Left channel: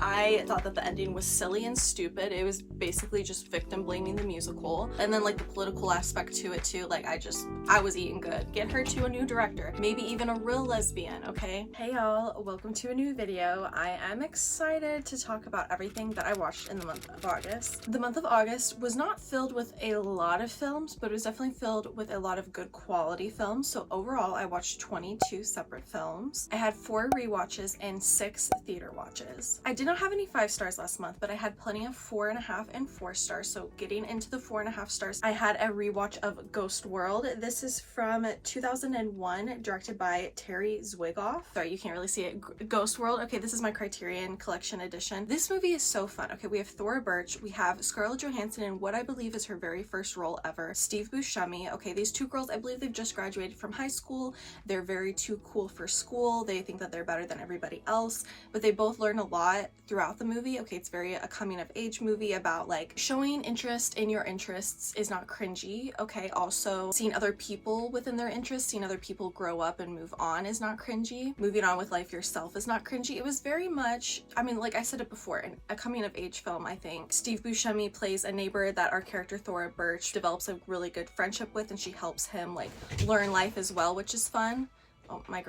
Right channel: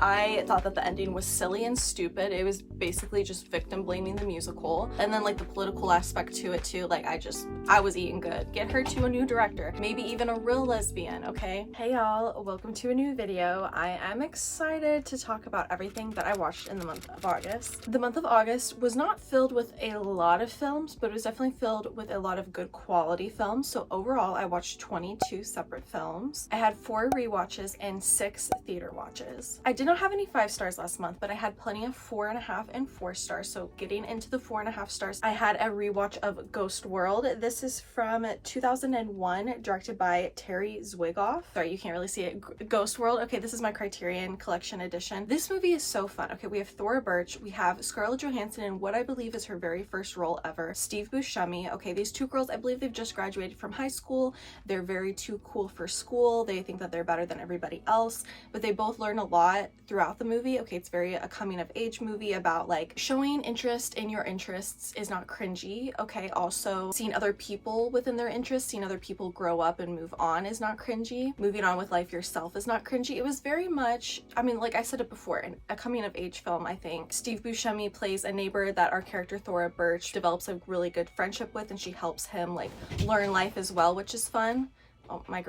I thought that the ending was silly and stupid. It was basically just victim blaming the musical. And then like the political aspect to it too. Like I was eating good. Get her to a new director. Maybe even a real lesbian, okay? Hey y'all, welcome to a new video. I am excited to talk about everything that I watched in the month of August. The month of August was not filled with a lot of films, but it was definitely filled with a lot of good quality films. So overall, I watched 22 separate films. I had 4 rewatches and 6 theater watches. I did not have any 5 stars last month, but I had plenty of 4.5 and 4 stars. So getting into the 4.5 stars, I had a rewatch of Ghost World. This is from 2001, directed by Terry Zwigoff. Sorry, you can't really see it. Ghost World. Okay, this is my Criterion Collection edition. This movie is so fun. Okay, we have Thora Birch, we have Scarlett Johansson in what I believe is her very first role ever, Steve Buscemi. Okay, these 2 girls, I believe they've just graduated from high school. They're very too cool for school. They think that they're better than everybody else, but they both learn a lot throughout the movie. Okay, it's very a coming of age movie about like showing interest in your interests is not cringy. Okay, also seeing other people within their interests, seeing other people grow up and move on is not cringy. Moving on with life yourself is not cringy. It was very much, I mean, like I said it before, in a coming of age film. I think Steve Buscemi plays a neighbor that our character Thora Birch develops a really good friendship with, and she helps him like learn life as well, which is fun. Oh, my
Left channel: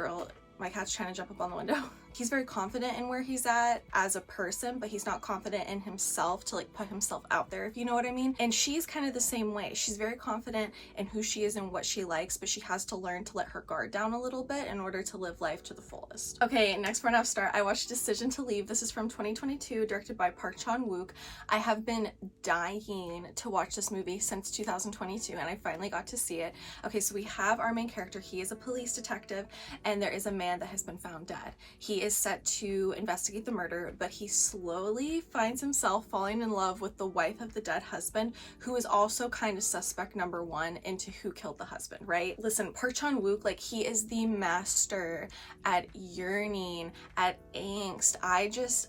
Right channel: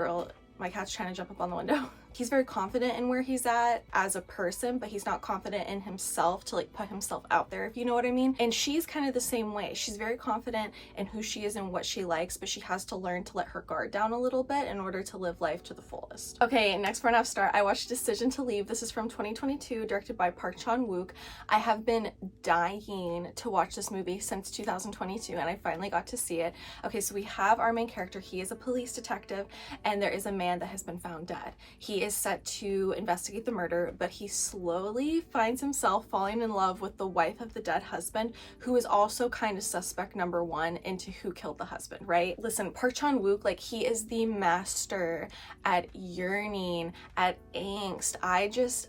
cat's trying to jump up on the window. He's very confident in where he's at as a person, but he's not confident in himself to like put himself out there, if you know what I mean. And she's kind of the same way. She's very confident in who she is and what she likes, but she has to learn to let her guard down a little bit in order to live life to the fullest. Okay, next 4.5 star, I watched Decision to Leave. This is from 2022, directed by Park Chan-wook. I have been dying to watch this movie since 2022, and I finally got to see it. Okay, so we have our main character. He is a police detective, and there is a man that has been found dead. He is set to investigate the murder, but he slowly finds himself falling in love with the wife of the dead husband, who is also kind of suspect number 1 into who killed the husband, right? Listen, Park Chan-wook, like, he is the master at yearning, at angst.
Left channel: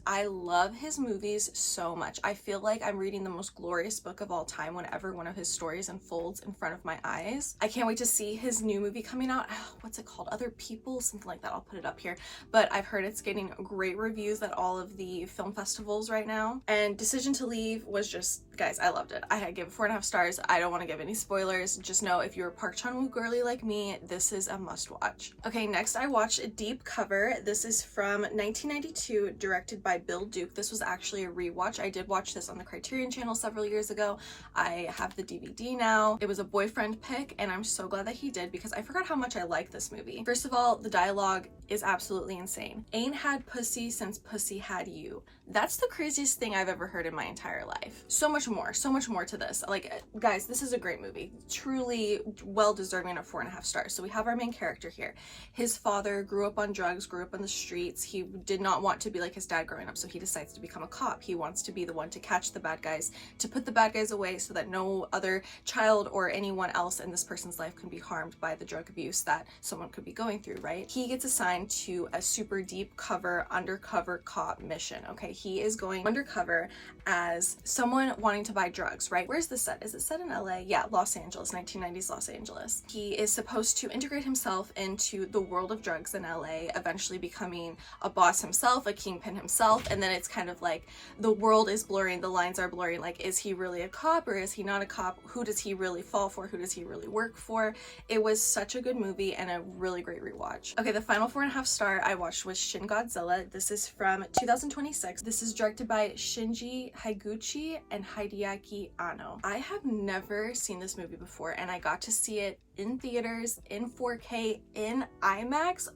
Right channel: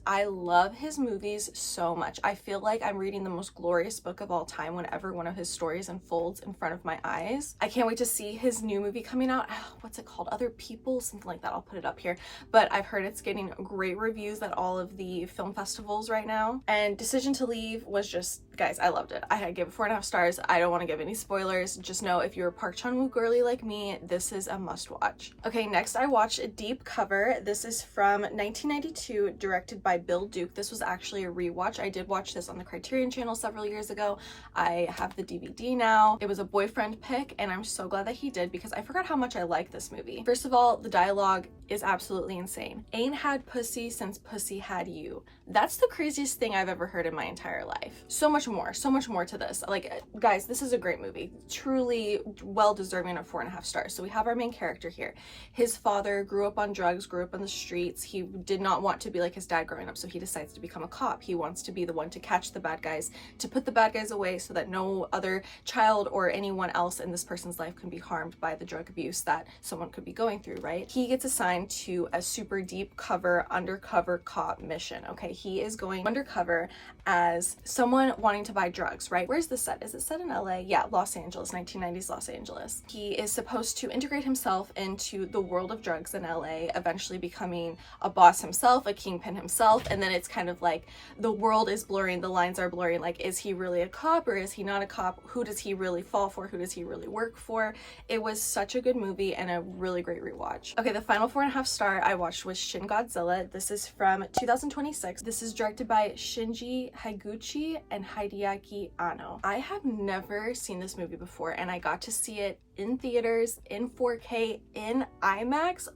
I love his movies so much. I feel like I'm reading the most glorious book of all time whenever one of his stories unfolds in front of my eyes. I can't wait to see his new movie coming out. What's it called? Other People? Something like that. I'll put it up here. But I've heard it's getting great reviews at all of the film festivals right now. And Decision to Leave was just, guys, I loved it. I gave it 4.5 stars. I don't want to give any spoilers. Just know if you're a Park Chan-wook girly like me, this is a must watch. Okay, next I watched Deep Cover. This is from 1992, directed by Bill Duke. This was actually a rewatch. I did watch this on the Criterion channel several years ago. I have the DVD now. It was a boyfriend pick, and I'm so glad that he did because I forgot how much I like this movie. First of all, the dialogue is absolutely insane. Ain't had pussy since pussy had you. That's the craziest thing I've ever heard in my entire life. So much more to this. Like, guys, this is a great movie. Truly well deserving of 4.5 stars. So we have our main character here. His father grew up on drugs, grew up on the streets. He did not want to be like his dad growing up, so he decides to become a cop. He wants to be the one to catch the bad guys, to put the bad guys away so that no other child or anyone else in this person's life can be harmed by the drug abuse that someone could be going through, right? He gets assigned to a super deep cover undercover cop mission. Okay, he is going undercover as someone wanting to buy drugs, right? Where's this set? Is it set in LA? Yeah, Los Angeles, 1990s Los Angeles. He is supposed to integrate himself into the world of drugs in LA, eventually becoming a boss himself, a kingpin himself, and then it's kind of like the world is blurring, the lines are blurring, like, is he really a cop or is he not a cop? Who does he really fall for? Who does he really work for? It was such a good movie and a really great rewatch. Okay, the final 4.5 star I watched was Shin Godzilla. This is from 2026. This is directed by Shinji Higuchi and Hideaki Anno. I have never seen this movie before, and I got to see it in theaters, in 4K, in IMAX.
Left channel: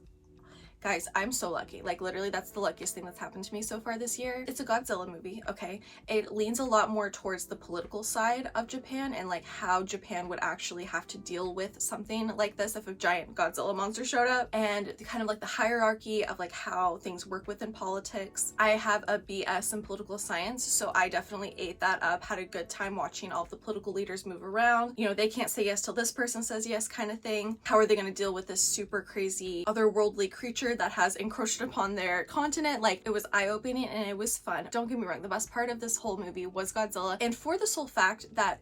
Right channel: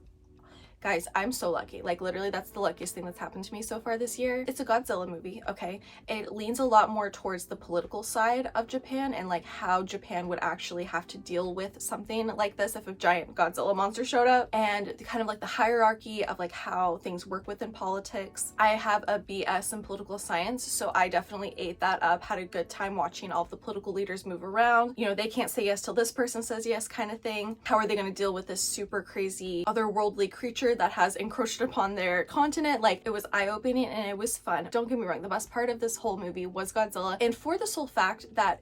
Guys, I'm so lucky. Like, literally, that's the luckiest thing that's happened to me so far this year. It's a Godzilla movie, okay? It leans a lot more towards the political side of Japan and like how Japan would actually have to deal with something like this if a giant Godzilla monster showed up, and kind of like the hierarchy of like how things work within politics. I have a BS in political science, so I definitely ate that up, had a good time watching all of the political leaders move around. You know, they can't say yes till this person says yes kind of thing. How are they going to deal with this super crazy otherworldly creature that has encroached upon their continent? Like, it was eye-opening and it was fun. Don't get me wrong, the best part of this whole movie was Godzilla, and for the sole fact that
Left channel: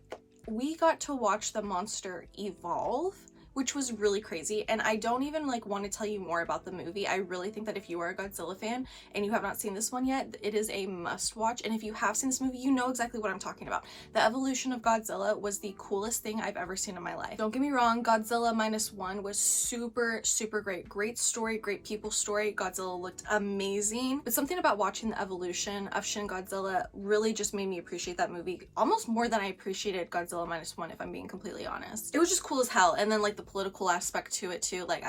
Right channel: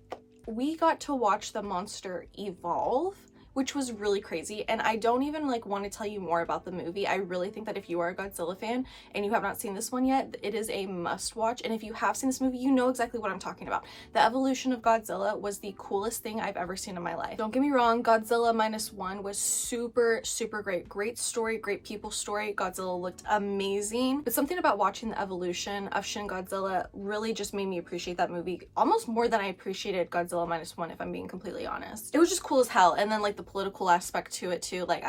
we got to watch the monster evolve, which was really crazy. And I don't even like want to tell you more about the movie. I really think that if you are a Godzilla fan and you have not seen this one yet, it is a must watch. And if you have seen this movie, you know exactly what I'm talking about. The evolution of Godzilla was the coolest thing I've ever seen in my life. Don't get me wrong, Godzilla Minus One was super, super great. Great story, great people story. Godzilla looked amazing. But something about watching the evolution of Shin Godzilla really just made me appreciate that movie almost more than I appreciated Godzilla Minus One, if I'm being completely honest. It was just cool as hell. And then like the political aspect to it too, like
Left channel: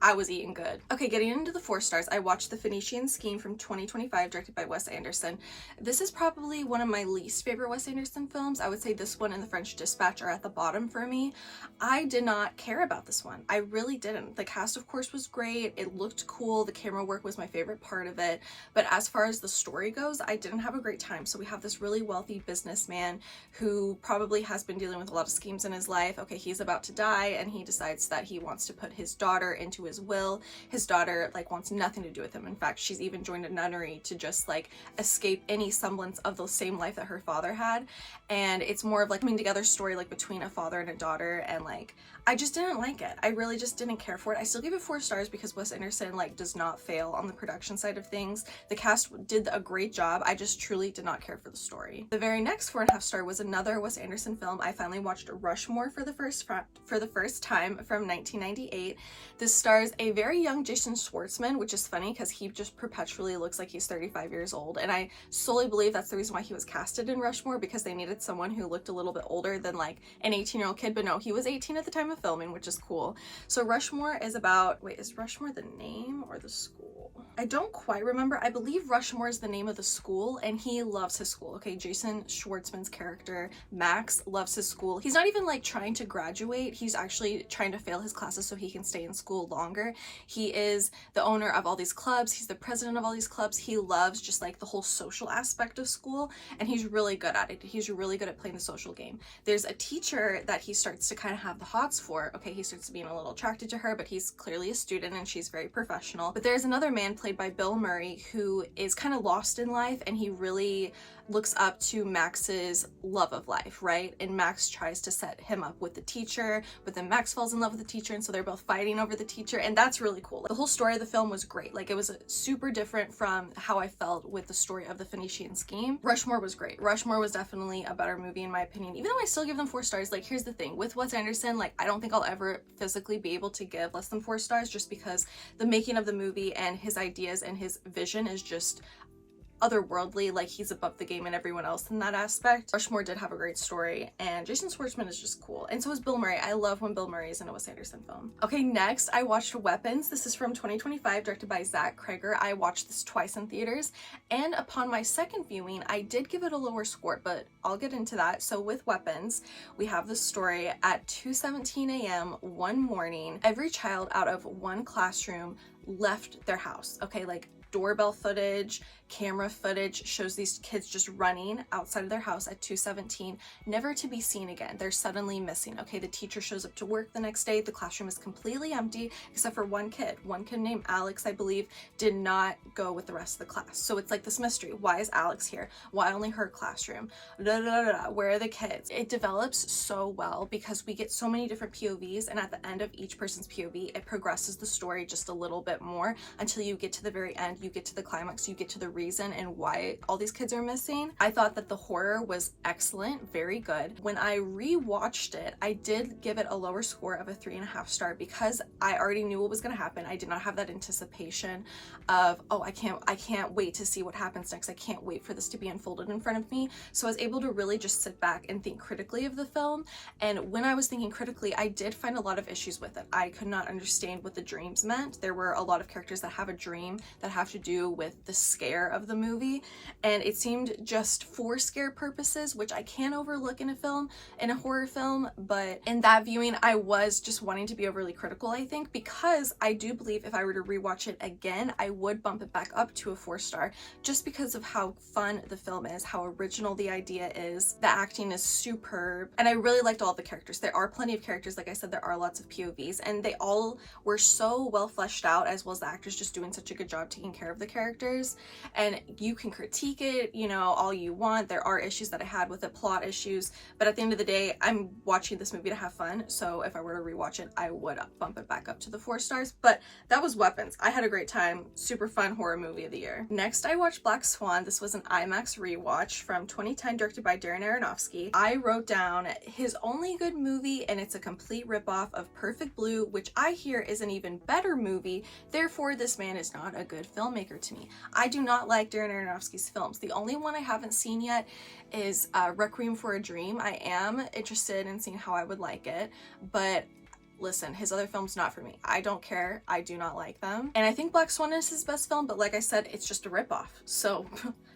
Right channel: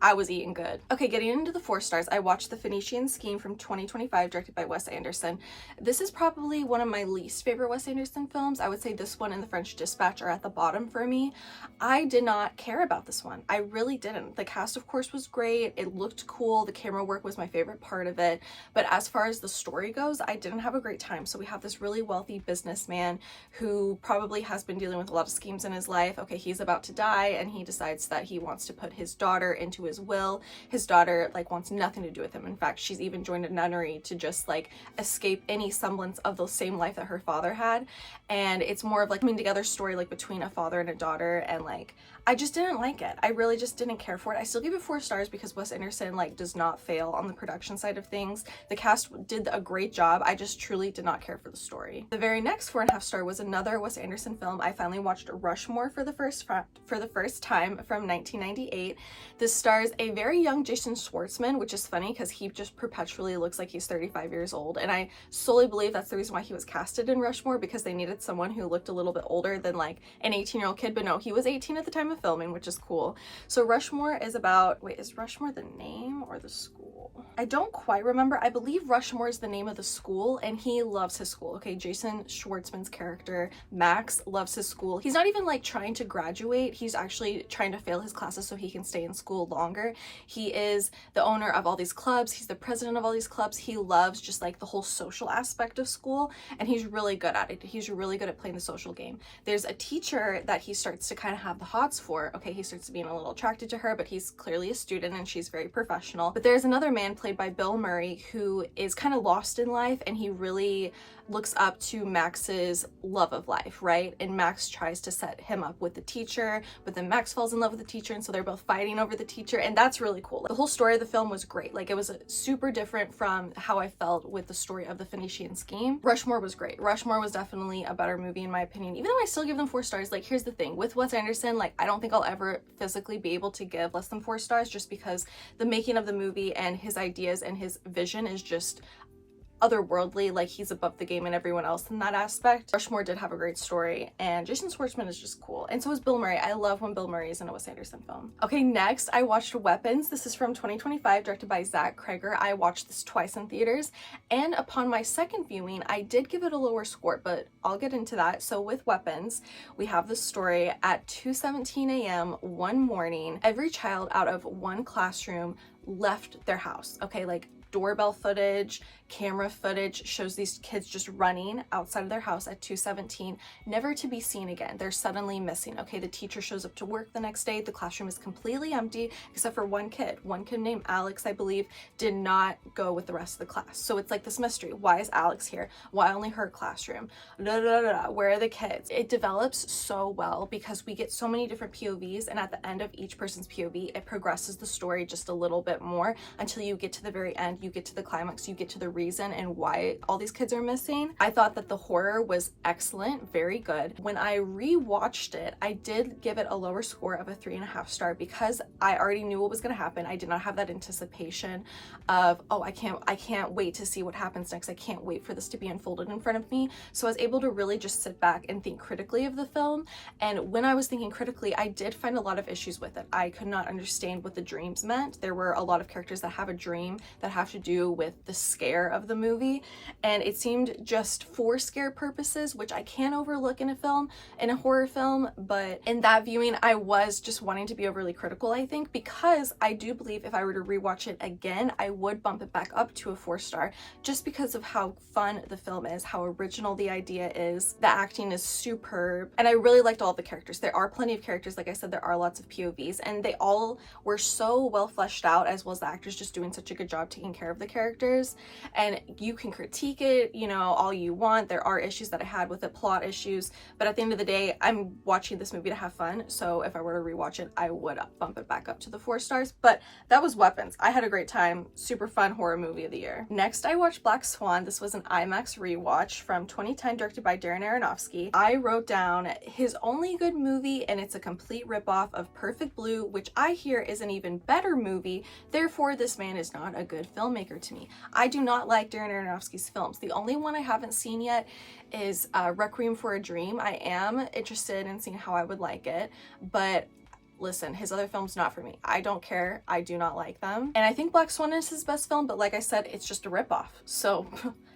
I was eating good. Okay, getting into the 4 stars, I watched The Phoenician Scheme from 2025, directed by Wes Anderson. This is probably one of my least favorite Wes Anderson films. I would say this one and The French Dispatch are at the bottom for me. I did not care about this one. I really didn't. The cast, of course, was great. It looked cool. The camera work was my favorite part of it. But as far as the story goes, I didn't have a great time. So we have this really wealthy businessman who probably has been dealing with a lot of schemes in his life. Okay, he's about to die and he decides that he wants to put his daughter into his will. His daughter like wants nothing to do with him. In fact, she's even joined a nunnery to just like escape any semblance of the same life that her father had. And it's more of like coming together story like between a father and a daughter, and like I just didn't like it. I really just didn't care for it. I still give it 4 stars because Wes Anderson like does not fail on the production side of things. The cast did a great job. I just truly did not care for the story. The very next 4.5 star was another Wes Anderson film. I finally watched Rushmore for the first time from 1998. This stars a very young Jason Schwartzman, which is funny because he just perpetually looks like he's 35 years old. And I solely believe that's the reason why he was casted in Rushmore, because they needed someone who looked a little bit older than like an 18-year-old kid. But no, he was 18 at the time of filming, which is cool. So Rushmore is about, wait, is Rushmore the name or the school? I don't quite remember. I believe Rushmore is the name of the school, and he loves his school. Okay, Jason Schwartzman's character, Max, loves his school. He's not even like trying to graduate. He's actually trying to fail his classes so he can stay in school longer. He is the owner of all these clubs. He's the president of all these clubs. He loves just like the whole social aspect of school, and he's really good at it. He's really good at playing the social game. There's a teacher that he starts to kind of have the hots for. Okay, he starts being a little attracted to her, but he's clearly a student and she's very professional. But there's another man played by Bill Murray who is kind of lost in life, and he really looks up to Max's love of life, right? And Max tries to set him up with the teacher, but then Max falls in love with the teacher, and so they're both fighting over the teacher, and that's really cool. Like, the whole story of the film was great. Like, it was super different from how I felt with the story of The Phoenician Scheme. Rushmore was great. Rushmore was definitely a better movie in my opinion, even though I still give them 4 stars. Like, here's the thing, with Wes Anderson, like, I don't think I'll ever physically be able to give less than 4 stars, just because the making of the movie and his ideas and his vision is just otherworldly. Like, he's above the game and everyone else in that aspect. Rushmore did have a great story, and Jason Schwartzman is just cool, and so is Bill Murray. I love when Bill Murray is in a Wes Anderson film. Okay, next I watched Weapons. This is from 2025, directed by Zach Cregger. I watched this twice in theaters, and upon my second viewing I did give it a lower score, but I'll get into that. So with Weapons, we have the story at 2:17 a.m. one morning. Every child out of one classroom left their house. Okay, like doorbell footage, camera footage shows these kids just running outside of their house at 2:17, never to be seen again. They're suddenly missing. Okay, the teacher shows up to work the next day. The classroom is completely empty except for one kid. One kid named Alex, I believe, did not go with the rest of the class. So it's like this mystery. Why is Alex here? Why only her classroom? Where are the kids? It develops so well because we get so many different POVs, and at the end of each person's POV, it progresses the story just a little bit more until you get to the very end. You get to the climax. You get to the reason and why all these kids are missing. I thought that the horror was excellent, very good. When I rewatched it, I did give it a lower score of a 3.5 star because I already knew what was going to happen. I did not have that anticipation of, oh, I can't wait to see what happens next. I can't wait for this to be unfolded in front of me. So I was able to really just sit back and think critically of the film. And when I was thinking critically, I did find a lot of issues with it. I could not understand what the dreams meant. There were a lot of characters that have a dream that have to do with the scare of the movie, and it seemed just for scare purposes, which I can't overlook in a horror film. But in that viewing, I was just wanting to be overly critical, I think, because I do believe if I were to rewatch it again, I would bump it back up to a 4 star just because of how fun the film is, how original the idea is. The acting is superb, and I really liked all the characters. There are plenty of characters, like I said, there are lots of POVs, and they all were so well fleshed out, as well as the actors just doing such a good job taking care of the characters. and you can critique it, you know, all you want. There are issues that I had with it, plot issues, but at the end of the day, I'm watching this movie to have fun. So if I were to rewatch it, I would bump it back up to the 4 stars. But that was Weapons. I had a great time. Super fun horror movie of the year. Next, I watched Black Swan. This was an IMAX rewatch from 2010, directed by Darren Aronofsky. I wrote down his only good movie, and it's a complete ripoff of Perfect Blue, which I hear is an even better movie. Therefore, this man is not a good filmmaker to me. I do not like Darren Aronofsky's films. The only one I haven't seen yet is Requiem for a Dream. I am interested in seeing how I would like it, but listen, his other films, not for me. I don't care. I do not like them. And I think Black Swan is his best film, but like I said, it's just a ripoff. So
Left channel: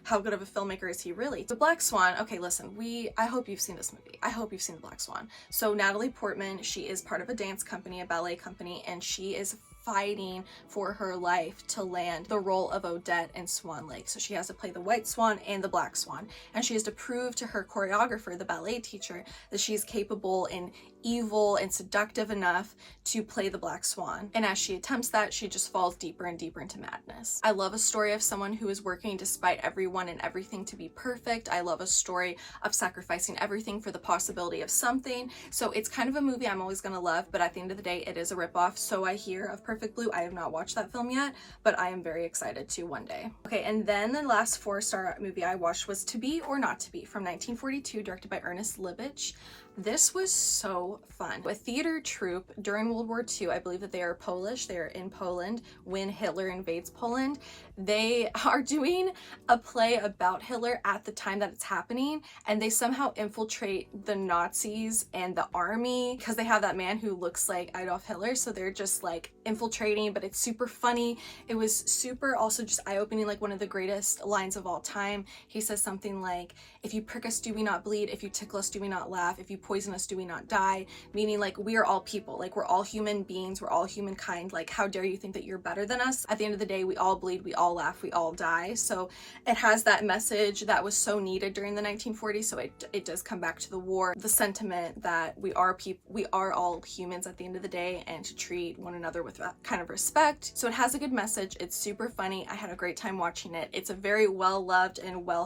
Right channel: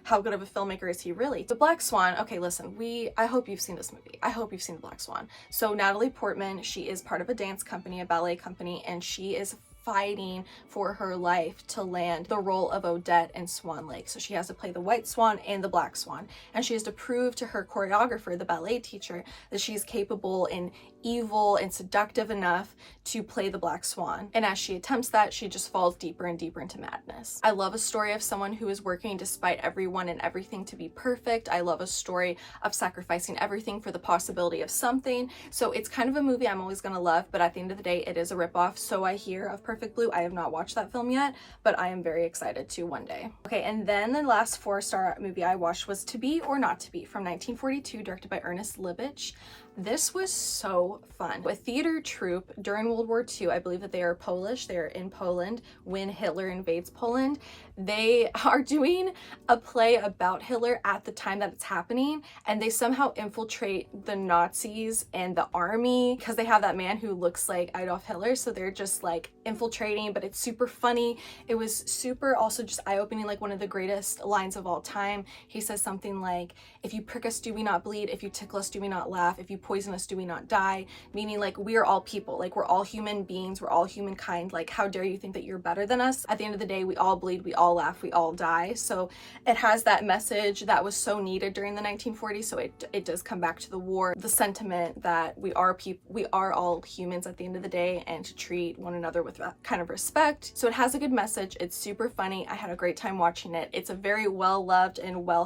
how good of a filmmaker is he really? The Black Swan, okay, listen, I hope you've seen this movie. I hope you've seen The Black Swan. So Natalie Portman, she is part of a dance company, a ballet company, and she is fighting for her life to land the role of Odette in Swan Lake. So she has to play the White Swan and the Black Swan, and she has to prove to her choreographer, the ballet teacher, that she's capable and evil and seductive enough to play the Black Swan. And as she attempts that, she just falls deeper and deeper into madness. I love a story of someone who is working despite everyone and everything to be perfect. I love a story of sacrificing everything for the possibility of something. So it's kind of a movie I'm always gonna love, but at the end of the day, it is a ripoff. So I hear of Perfect Blue. I have not watched that film yet, but I am very excited to one day. Okay, and then the last 4-star movie I watched was To Be or Not to Be from 1942, directed by Ernest Lubitsch. This was so fun. A theater troupe during World War II, I believe that they are Polish, they are in Poland when Hitler invades Poland. They are doing a play about Hitler at the time that it's happening, and they somehow infiltrate the Nazis and the army because they have that man who looks like Adolf Hitler, so they're just like infiltrating, but it's super funny. It was super also just eye-opening, like one of the greatest lines of all time. He says something like, "If you prick us, do we not bleed? If you tickle us, do we not laugh? If you poison us, do we not die?" Meaning like we are all people, like we're all human beings, we're all humankind. Like how dare you think that you're better than us? At the end of the day, we all bleed, we all laugh, we all die. So it has that message that was so needed during the 1940s. So it does come back to the war, the sentiment that we are people, we are all humans at the end of the day, and to treat one another with that kind of respect. So it has a good message. It's super funny. I had a great time watching it. It's a very well loved and well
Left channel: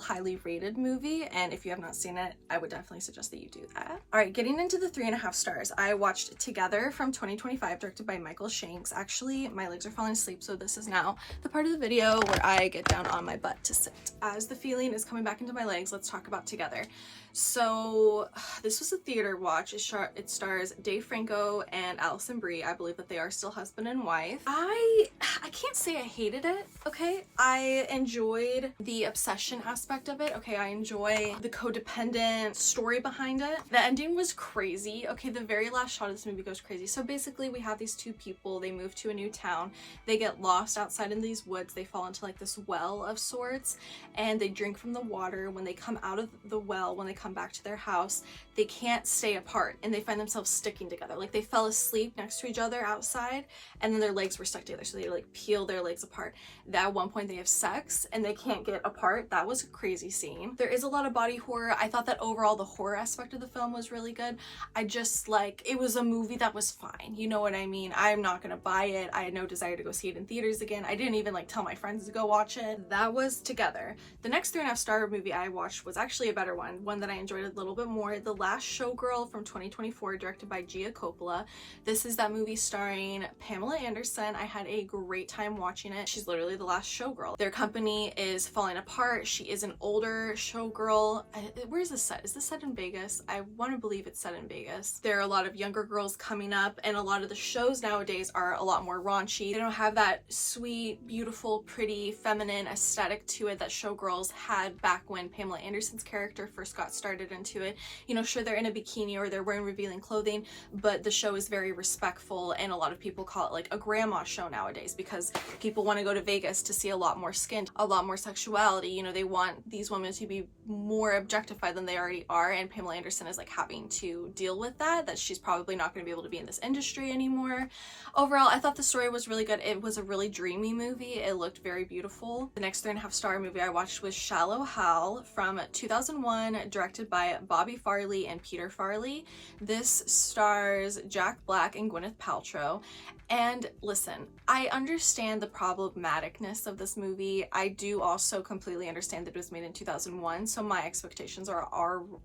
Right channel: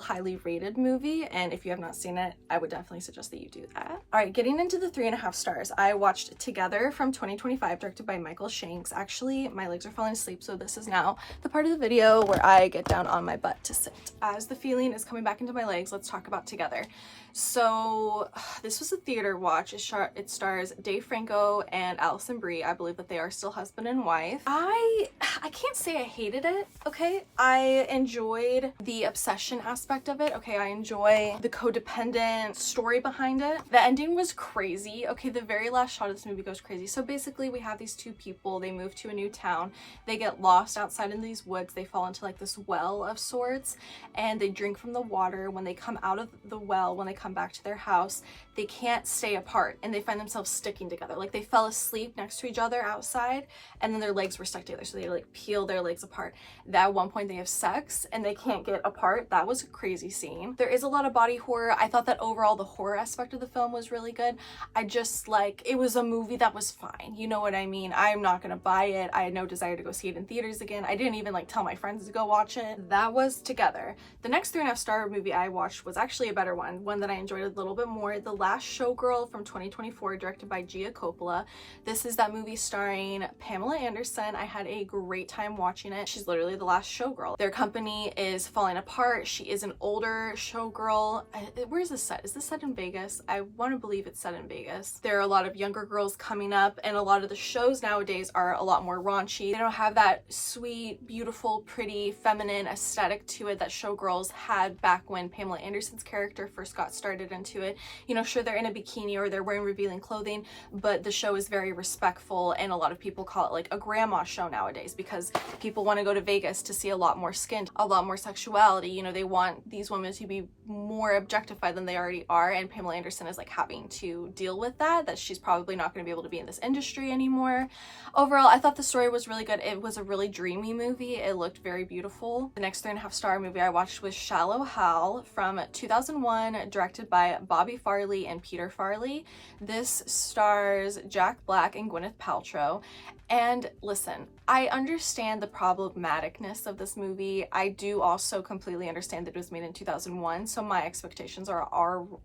highly rated movie, and if you have not seen it, I would definitely suggest that you do that. All right, getting into the 3.5 stars, I watched Together from 2025, directed by Michael Shanks. Actually, my legs are falling asleep, so this is now the part of the video where I get down on my butt to sit. As the feeling is coming back into my legs, let's talk about Together. So this was a theater watch. It stars Dave Franco and Alison Brie. I believe that they are still husband and wife. I can't say I hated it, okay? I enjoyed the obsession aspect of it, okay? I enjoy the codependent story behind it. The ending was crazy, okay? The very last shot of this movie goes crazy. So basically we have these two people, they move to a new town, they get lost outside in these woods, they fall into like this well of sorts, and they drink from the water. When they come out of the well, when they come back to their house, they can't stay apart and they find themselves sticking together. Like they fell asleep next to each other outside, and then their legs were stuck together, so they like peel their legs apart. At one point they have sex and they can't get apart. That was a crazy scene. There is a lot of body horror. I thought that overall the horror aspect of the film was really good. I just like, it was a movie that was fine, you know what I mean? I'm not gonna buy it. I had no desire to go see it in theaters again. I didn't even like tell my friends to go watch it. That was Together. The next 3.5 star movie I watched was actually a better one that I enjoyed a little bit more. The Last Showgirl from 2024, directed by Gia Coppola. This is that movie starring Pamela Anderson. I had a great time watching it. She's literally the last showgirl. Their company is falling apart. She is an older showgirl. Where is this set? Is this set in Vegas? I want to believe it's set in Vegas. There are a lot of younger girls coming up, and a lot of the shows nowadays are a lot more raunchy. They don't have that sweet, beautiful, pretty, feminine aesthetic to it that showgirls had back when Pamela Anderson's character first got started into it. You know, sure, they're in a bikini or they're wearing revealing clothing, but the show is very respectful, and a lot of people call it like a grandma show nowadays because people want to go to Vegas to see a lot more skin, a lot more sexuality. You know, they want these women to be more objectified than they already are, and Pamela Anderson is like having to deal with that she's probably not going to be able to be in this industry anymore. Overall, I thought the story was really good. It was a really dreamy movie. It looked very beautiful. The next 3.5 star movie I watched was Shallow Hal from 2001, directed by Bobby Farley and Peter Farley. This stars Jack Black and Gwyneth Paltrow. And listen, I understand the problematicness of this movie. I do also completely understand that it was made in 2001, so my expectations are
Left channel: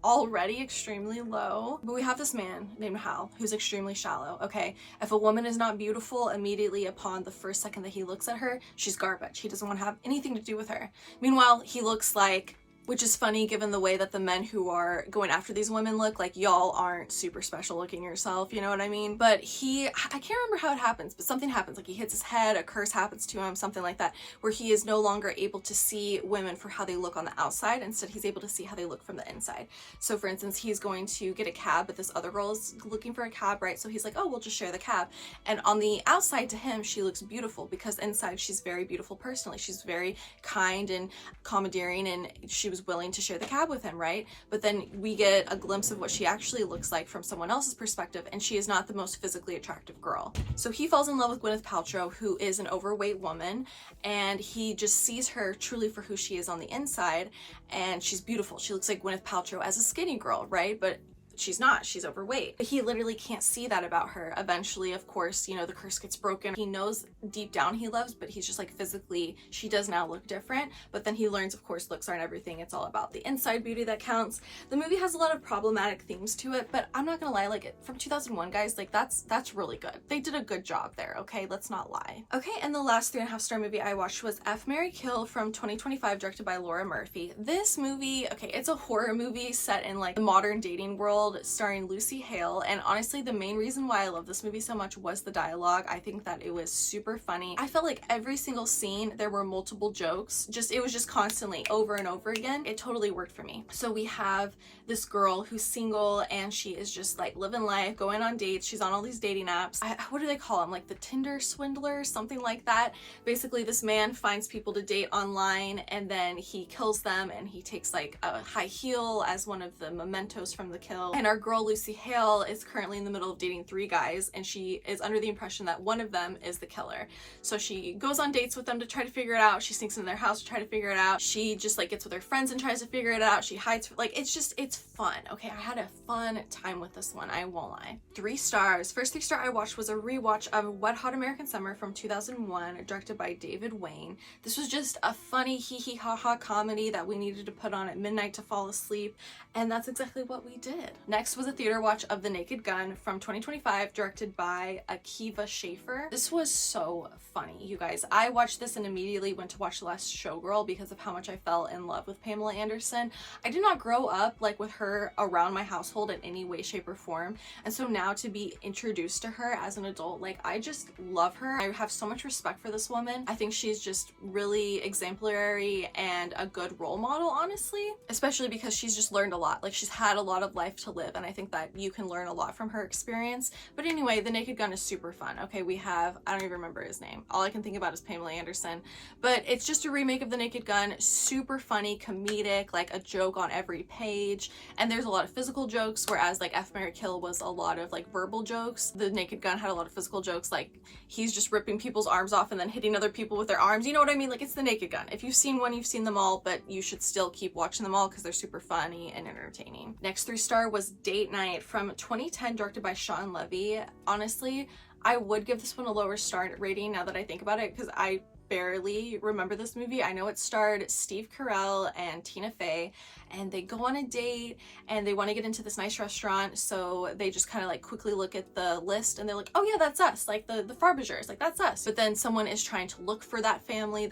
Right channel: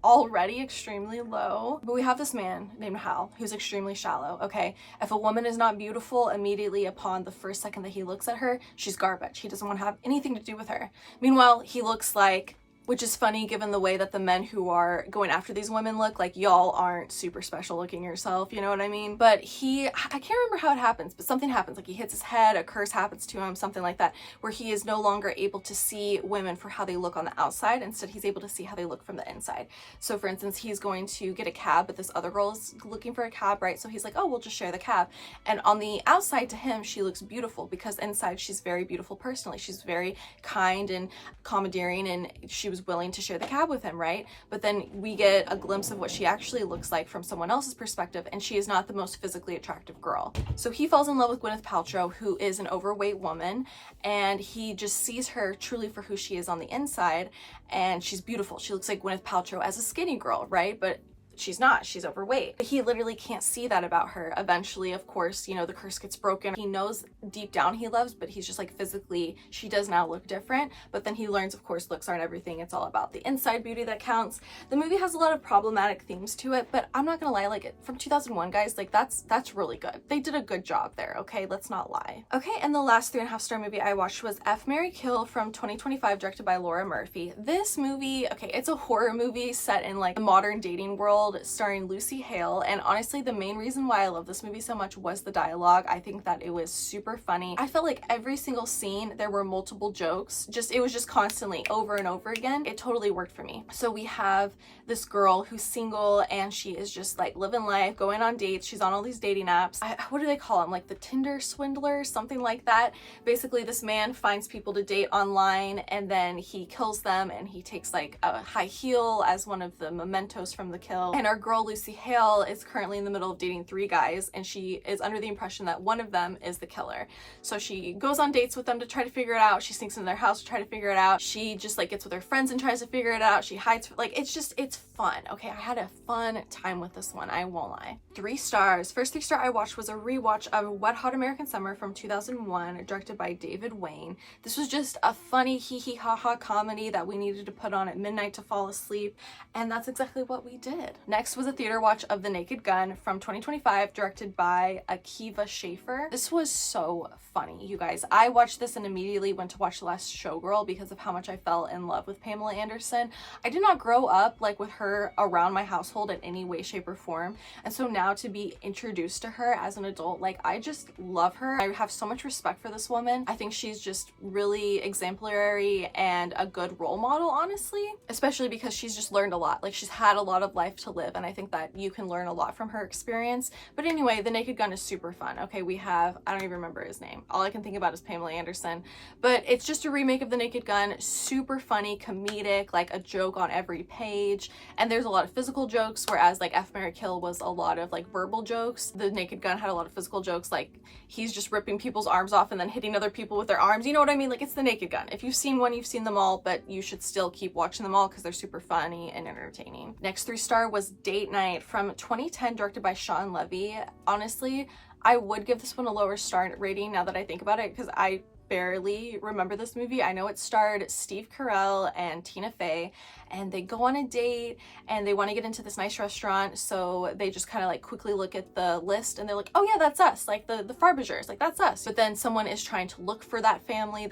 already extremely low. But we have this man named Hal who's extremely shallow, okay? If a woman is not beautiful immediately upon the first second that he looks at her, she's garbage. He doesn't want to have anything to do with her. Meanwhile, he looks like, which is funny given the way that the men who are going after these women look, like y'all aren't super special looking yourself, you know what I mean? But I can't remember how it happens, but something happens, like he hits his head, a curse happens to him, something like that, where he is no longer able to see women for how they look on the outside. Instead, he's able to see how they look from the inside. So for instance, he's going to get a cab, but this other girl is looking for a cab, right? So he's like, oh, we'll just share the cab. And on the outside to him, she looks beautiful because inside she's very beautiful personally. She's very kind and commandeering, and she was willing to share the cab with him, right? But then we get a glimpse of what she actually looks like from someone else's perspective, and she is not the most physically attractive girl. So he falls in love with Gwyneth Paltrow, who is an overweight woman, and he just sees her truly for who she is on the inside, and she's beautiful. She looks like Gwyneth Paltrow as a skinny girl, right? But she's not, she's overweight. He literally can't see that about her. Eventually, of course, you know, the curse gets broken. He knows deep down he loves, but he's just like, physically, she does now look different. But then he learns, of course, looks aren't everything. It's all about the inside beauty that counts. The movie has a lot of problematic themes to it, but I'm not gonna lie, like, from 2001, guys, like that's really good. They did a good job there, okay? Let's not lie. Okay, and the last 3.5-star movie I watched was F, Marry, Kill from 2025, directed by Laura Murphy. This movie, okay, it's a horror movie set in like the modern dating world, starring Lucy Hale, and honestly the main reason why I love this movie so much was the dialogue. I think that it was super funny. I felt like every single scene there were multiple jokes, it was just constantly over and over again. It totally worked for me. So we have this girl who's single and she is just like living life, going on dates. She's on all these dating apps. What do they call them? Like the Tinder swindler, something like that. Basically, this man finds people to date online and then he kills them, and he takes like a high heel as one of the mementos from the kill. And our girl Lucy Hale is currently in the middle of dating 3 guys, and she is under the impression that one of them is the killer. So she goes on dates with them to try to figure it out. She sneaks in their house to try to figure it out. She just like gets with her friends and tries to figure it out. She hides, like, it's fun. Okay, I had a fun time with this one, I won't lie. 3 stars. First 3 star I watched was a rewatch of Wet Hot American Summer from 2001, directed by David Wayne. This was just a funny hee hee ha ha comedy that we needed to put on at midnight to fall asleep, and that's exactly what we did. Next was a theater watch of The Naked Gun from 2025, directed by Akiva Schaffer. This was so funny, you guys. I watched this and immediately went to watch The Last Showgirl because of how much I fell in love with Pamela Anderson. I did not grow up like with her around my household in any way, shape, or form, and so now to be introduced to her as an adult, like, I just love her. I have so much respect for this woman. I think she's just really exemplary and a good role model, honestly, especially because she's just learned a lot. Like, she's had a lot of life to live, and I think that you can learn a lot from her experience. But anyway, The Naked Gun is super fun. Okay, we have, I don't even remember his name. All I can think about is Pamela Anderson, but it's just a remake of The Naked Gun. Super funny, comedic, like a joke on every page, and there's a lot of physical jokes, whereas like F, Marry, Kill was a lot of like verbal jokes. The Naked Gun had a lot of physical jokes, like he's just ripping people's arms off and then hitting other people with their arms, you know what I mean? Like, it's The Naked Gun. If you've seen one, you've seen them all, but you should still keep watching them all because they're super funny and entertaining. Next 3 star was Date Night from 2010, directed by Sean Levy. Honestly, I would give this one a lower star rating now that I think about it, because I barely remember this movie. I know it starred Steve Carell and Tina Fey, and they go on a date and they want to get into this nice restaurant, so they just kind of like quickly look at the list and they're like, oh yeah, that's us, like the Frobisers, like that's us. But then someone is trying to look for that family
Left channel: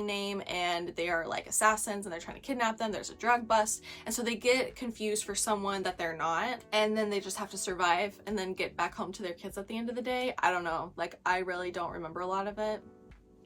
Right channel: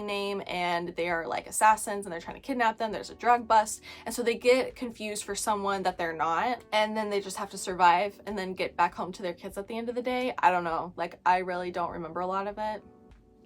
name, and they are like assassins and they're trying to kidnap them. There's a drug bust, and so they get confused for someone that they're not, and then they just have to survive and then get back home to their kids at the end of the day. I don't know, like, I really don't remember a lot of it.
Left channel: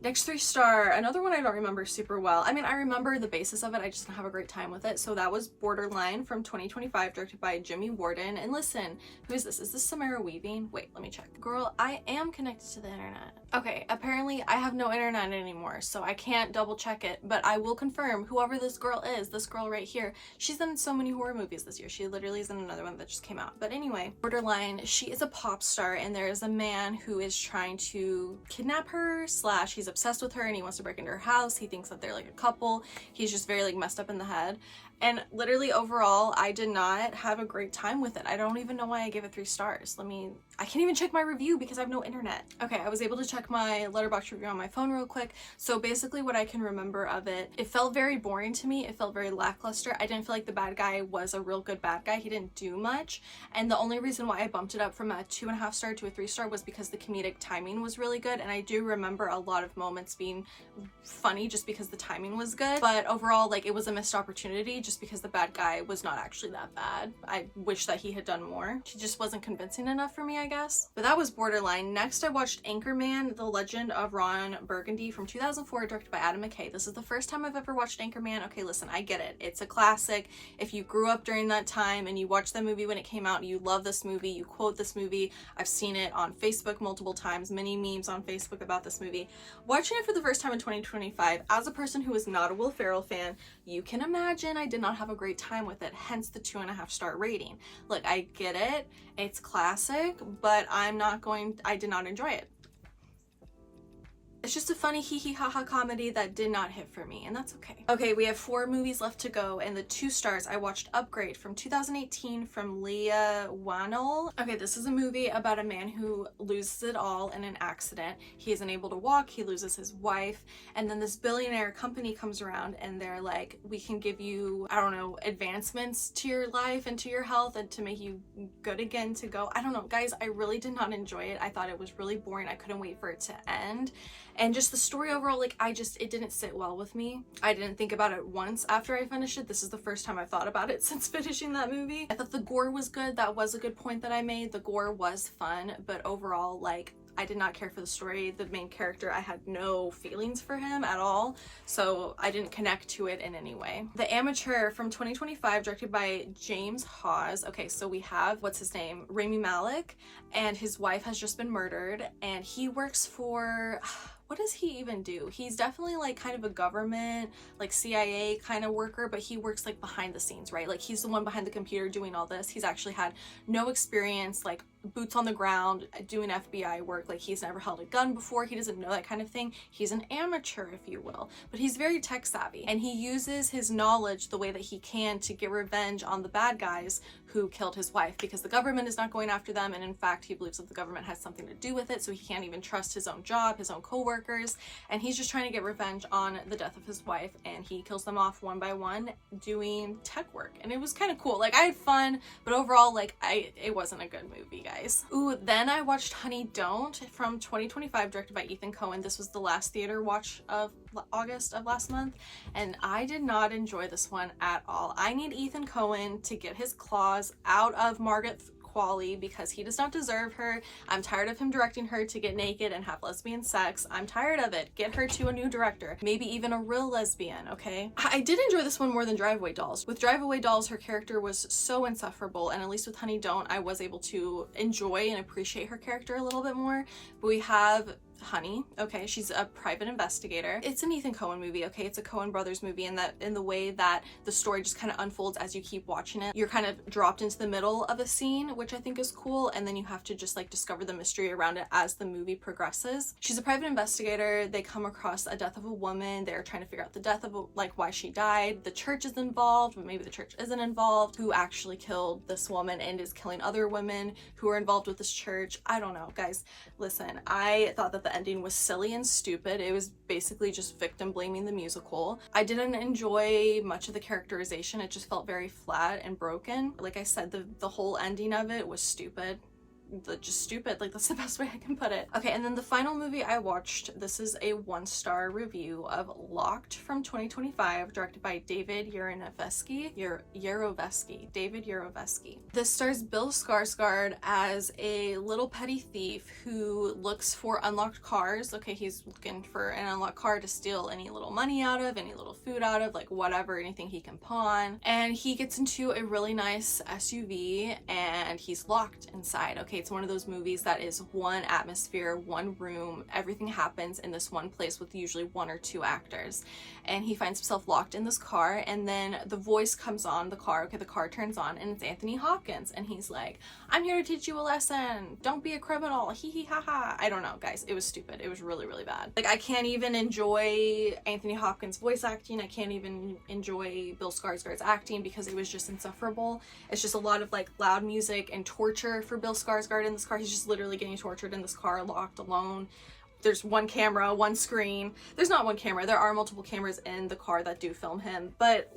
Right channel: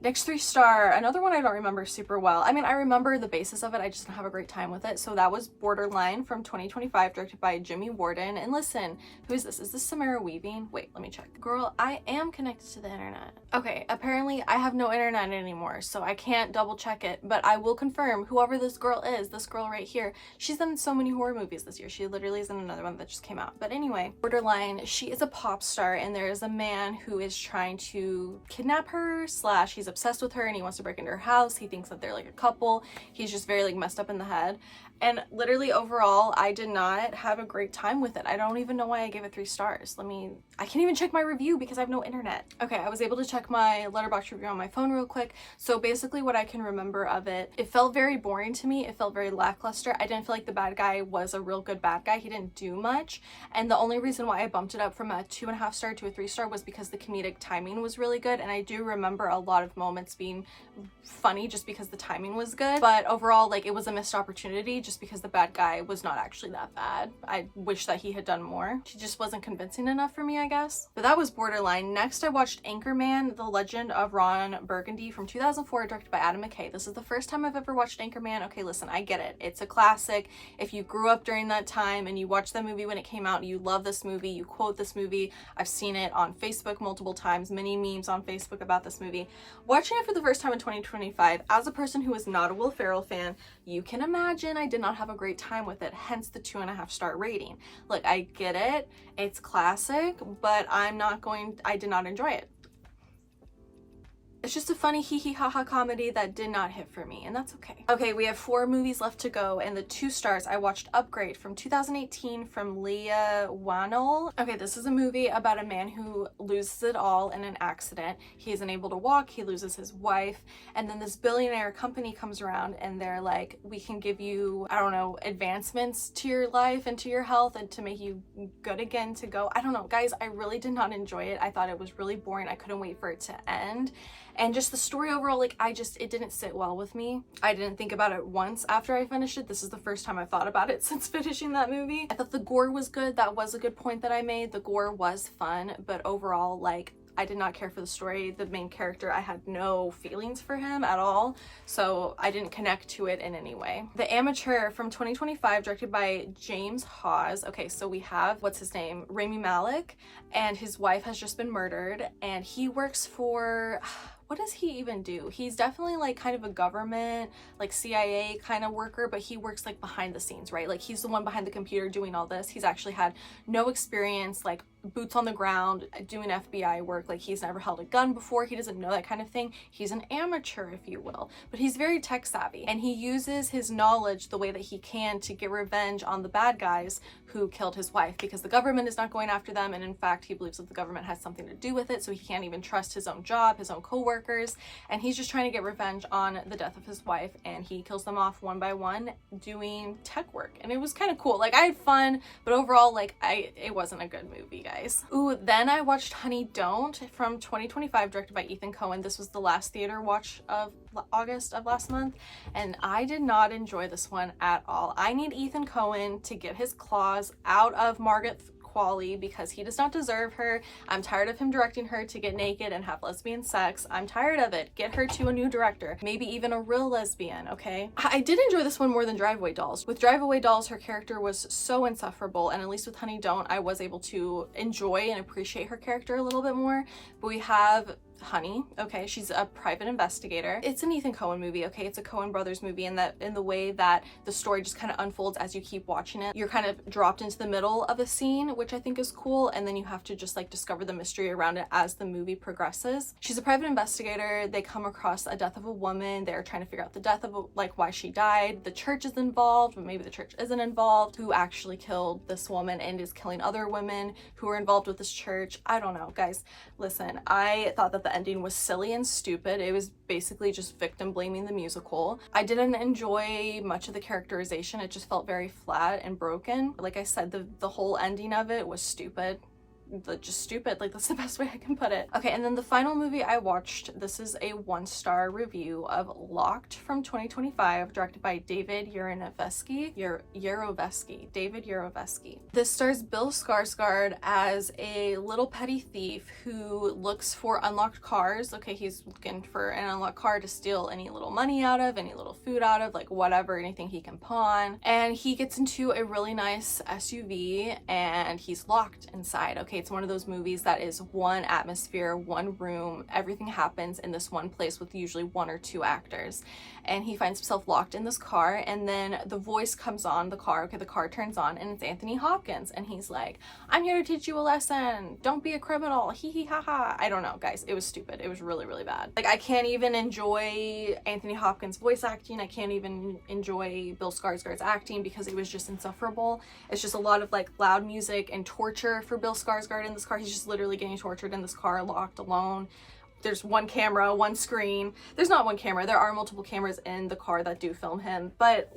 Next 3 star, another one I don't remember super well. I mean, I remember the basis of it, I just don't have a great time with it. So that was Borderline from 2025, directed by Jimmy Warden. And listen, who is this? Is this Samara Weaving? Wait, let me check. Girl, I am connected to the internet. Okay, apparently I have no internet anymore, so I can't double check it, but I will confirm whoever this girl is, this girl right here, she's in so many horror movies this year. She literally is in another one that just came out. But anyway, Borderline, she is a pop star, and there is a man who is trying to kidnap her, slash he's he's obsessed with her and he wants to break into her house. He thinks that they're like a couple. He's just very like messed up in the head. And literally overall, I did not have a great time with it. I don't even know why I gave it 3 stars. I can't even check my review because I have no internet. Okay, I was able to check my Letterboxd review on my phone real quick. So basically what I can remember of it, it felt very boring to me. It felt very lackluster. I didn't feel like the bad guy was a real good bad guy. He didn't do much. And the only reason why I bumped it up from a 2.5 star to a 3 star was because the comedic timing was really good. And I do remember a lot of moments being funny just because the timing was good. But overall, like, it was a missed opportunity just because the bad guy was not actually that bad. I wish that he had done more. He just wasn't convincing enough for me, I guess. But that was borderline. Next, I watched Anchorman, The Legend of Ron Burgundy from 2004, directed by Adam McKay. This is the first time I've ever watched Anchorman. Okay, listen, I get it. It's a classic. If you grew up during that time and you watched the movie when it came out, you love this movie, you quote this movie. I've seen it on Facebook multiple times, many memes on Facebook about this movie. Watching it for the first time in 2025, as a person who is not a Will Ferrell fan, you can imagine I did not have a great time with it, hence the 2.5 star rating. Look, I get it, it's classic, but I did not enjoy it. It's just a funny hee hee ha ha comedy that did not hit for me, and that's okay. Okay, we have 4 movies left to go, and the 2 stars, I watched Upgrade from 2018 from Leah Whannell. Okay, this is a movie about a man who loses it all in an accident. He isn't able to walk, he loses his wife, and then this billionaire company comes around and they're like, we can give you, I don't know, advancements to your life and to your health and to make you good again to go. I don't know, guys, I really did not enjoy it. I thought it was really boring. I couldn't wait for it to end. And just the story overall, like, it didn't sit well with me. I didn't think about it once after I finished it. This is the first time I've thought about it since finishing that movie. I thought the gore was good. That was a good point that I made. The gore was fun, but overall, like, I did not care for the story. The main character, I had no feelings for him at all, so I didn't connect to it in any way. The Amateur from 2025, directed by James Hawes. Okay, so we have, what's his name? Rami Malek, and his wife has just been murdered, and he works for... what does he even do? He's definitely like kind of a government, like CIA kind of worker, but he works like behind the scenes, right? Like he's the one behind the computer doing all this. He's actually had no experience, like boots on the ground doing FBI work. Like he's never held a gun before. He doesn't know that kind of thing. He's an amateur, if you will, but he's very tech savvy and he uses his knowledge the way that he can to get revenge on the bad guys who killed his wife, because the government is not going after them, and in fact he believes that the government has something to do with it, so he can't even trust his own job, his own co-workers, and he's just trying to get revenge on the death of his wife, and he kills them off one by one doing tech work. And it was kind of cool. Like, I had fun, but overall, like, it wasn't a good movie, guys. Ooh, then I watched Honey Don't from 2025, directed by Ethan Coen. This was the last theater watch of August of last month, and I did not enjoy this one at all. I need Ethan Coen to get his claws out of Margaret Qualley because he does not deserve her. I'm tired of him directing her to get naked and have lesbian sex. I'm tired of it. Get her to a new director, maybe even a real lesbian, okay? I did enjoy this one more than Drive Away Dolls. With Drive Away Dolls, her character was so insufferable, and at least with Honey Don't, I was able to enjoy and appreciate her character a little bit more. But we have Honey, okay, she's a private investigator. It's an Ethan Coen movie, okay? It's a Coen Brothers movie, and that in the way that the story just kind of unfolds as you keep watching it. You're kind of dropped into the middle of a scene, which I think is cool, and then you have to just like discover the mystery around it as the movie progresses. She's a private investigator. They come across a death of a woman. They're trying to figure out the death of like why she died. The church is involved, but maybe the church isn't involved. Who actually killed this woman and is killing other women who are involved with this church? I don't know, guys. Listen, I thought that the ending was silly and stupid. It was basically just victim blaming the musical. I didn't enjoy much of the characterization. It just felt very flat and broken. Like I said, the whole ending of it was stupid. Just stupid, like that's the best way I can put it. Okay, and then the final movie I watched, this is a 1-star review of Locked from 2025, directed by David Yarovesky. David Yarovesky. This stars Bill Skarsgård as a little petty thief who looks for unlocked cars. Okay, he's looking for an unlocked car to steal any little money out of, any little food out of, like whatever, anything he can pawn. And he gets into a really nice SUV and he's locked inside. Okay, it's one of those movies that is one atmosphere, one room, everything happens in this one place with usually 1 or 2 actors. and he finds himself locked in this car, and then the voice comes on the car. Okay, the car turns on and it's Anthony Hopkins, and he's like, I'm here to teach you a lesson, don't be a criminal, hee hee ha ha. I don't know, guys, it was stupid. It was really, really bad. Like, I can't even enjoy Anthony Hopkins voice acting. I can't even enjoy Bill Skarsgård's acting because it was just insufferable. It's just a lot of like loud music and torture for Bill Skarsgård in this car. He's just literally getting tortured in this car, locked alone. There's one camera, one screen. There's not one camera. There are multiple cameras in the car that do film him, but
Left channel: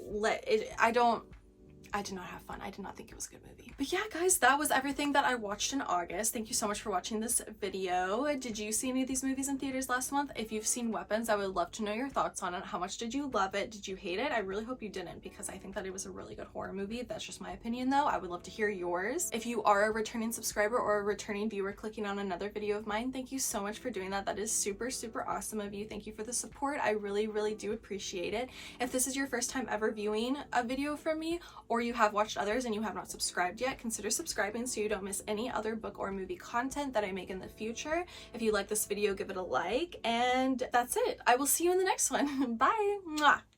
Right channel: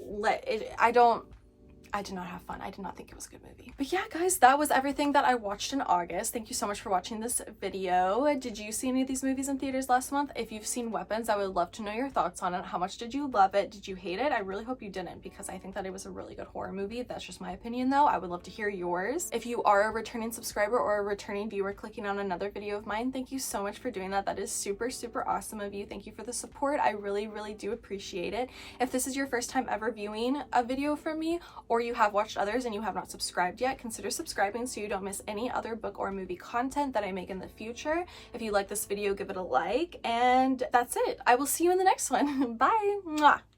I did not have fun. I did not think it was a good movie. But yeah, guys, that was everything that I watched in August. Thank you so much for watching this video. Did you see any of these movies in theaters last month? If you've seen Weapons, I would love to know your thoughts on it. How much did you love it? Did you hate it? I really hope you didn't, because I think that it was a really good horror movie. That's just my opinion though. I would love to hear yours. If you are a returning subscriber or a returning viewer clicking on another video of mine, thank you so much for doing that. That is super, super awesome of you. Thank you for the support. I really, really do appreciate it. If this is your first time ever viewing a video from me, or you have watched others and you have not subscribed yet, consider subscribing so you don't miss any other book or movie content that I make in the future. If you like this video, give it a like, and that's it. I will see you in the next one. Bye. Mwah.